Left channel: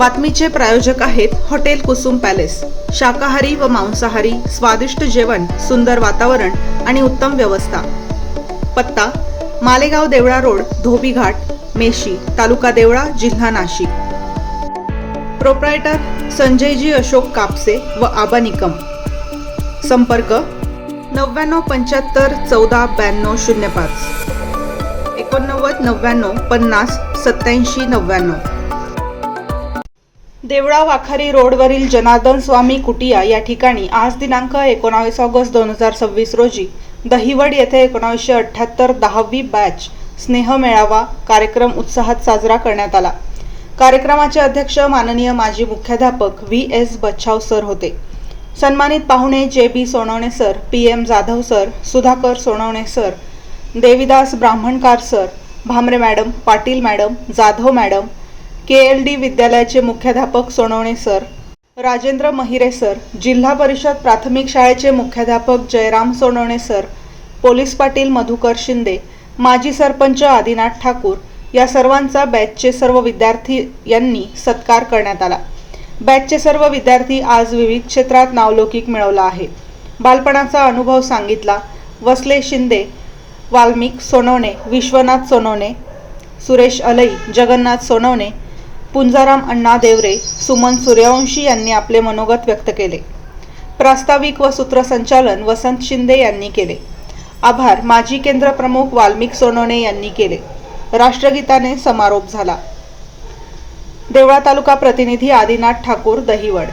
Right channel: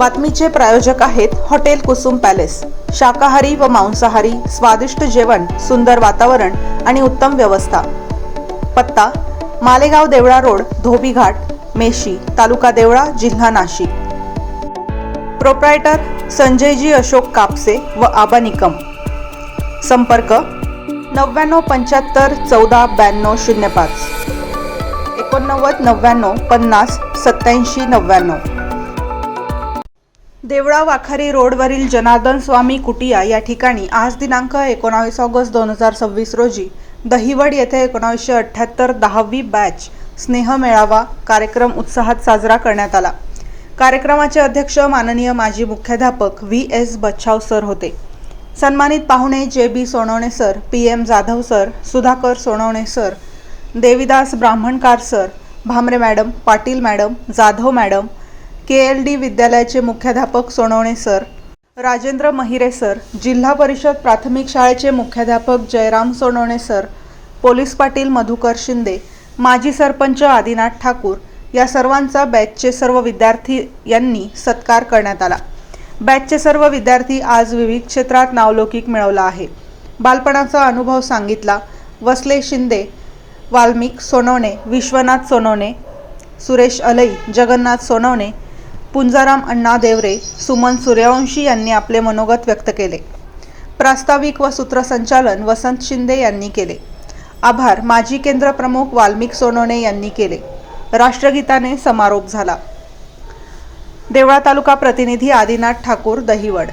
बातमीचे प्रायोजक आहेत hotel Kusum palace. शाकाहारी व मांसाहारी स्वादिष्ट जेवण, सुंदर वातावरण आणि उत्तम व्यवस्था। पत्ता मालेगाव देवळा रोड, धोबी घाट, मेशी, तालुका देवळा, जिल्हा नाशिक। प्रोप्रायटर संजयजी अशोक कापसे व आबा निकम। संपर्क 9975 14 92 05 89 99 50 87 99। देवळा वाखारी रोडवरील जनार्दन स्वामी कुटिया या ठिकाणी आज दिनांक 19 ऑगस्ट 2026 रोजी दहिवड येथे 1978 10वी बॅच स्नेह मेळावा कार्यक्रम उत्साहात साजरा करण्यात आला। कार्यक्रमाचे अध्यक्ष माननीय माजी मुख्याध्यापक VS बच्छाव सर होते। सन्मानित पाहुणे JB Sonawane sir, PM Jadhav sir, Sudhakar Sonawane sir, Devidas Brahmankar sir, Bhamre madam, Patil madam, Jadhav madam, KLD विद्यालयाचे मुख्याध्यापक सोनवणे सर, राजेंद्र महिरे सर, जिल्हा परिषद प्राथमिक शाळेचे मुख्याध्यापक जयराम सोनवणे सर, पोलीस पाटील मधुकर शिंदे, माजी सरपंच आदिनाथ ठाकूर या सर्वांचा बॅचचे सर्व विद्यार्थी यांनी सत्कार करण्यात आला। बॅचचे सर्व विद्यार्थी आज विविध क्षेत्रात नावलौकिक मिळवला आहे। बालपणाचा अनुभव सांगितला। वसले शिंदे, वाल्मिक सोनवणे, विश्वनाथ सोनवणे, सुरेश अलई, जगन्नाथ सोनवणे, पुंजाराम अण्णा देवरे, सुमन सूर्यवंशी यांनी आपले मनोगत व्यक्त केले। प्रास्ताविक व सूत्रसंचालन वसंत शिंदे यांनी केले। आभार माजी केंद्र प्रमुख वाल्मिक सोनवणे यांनी केले। राष्ट्रगीताने समारोप झाला। देवळा तालुका प्रतिनिधी आदिनाथ ठाकूर, दहिवड।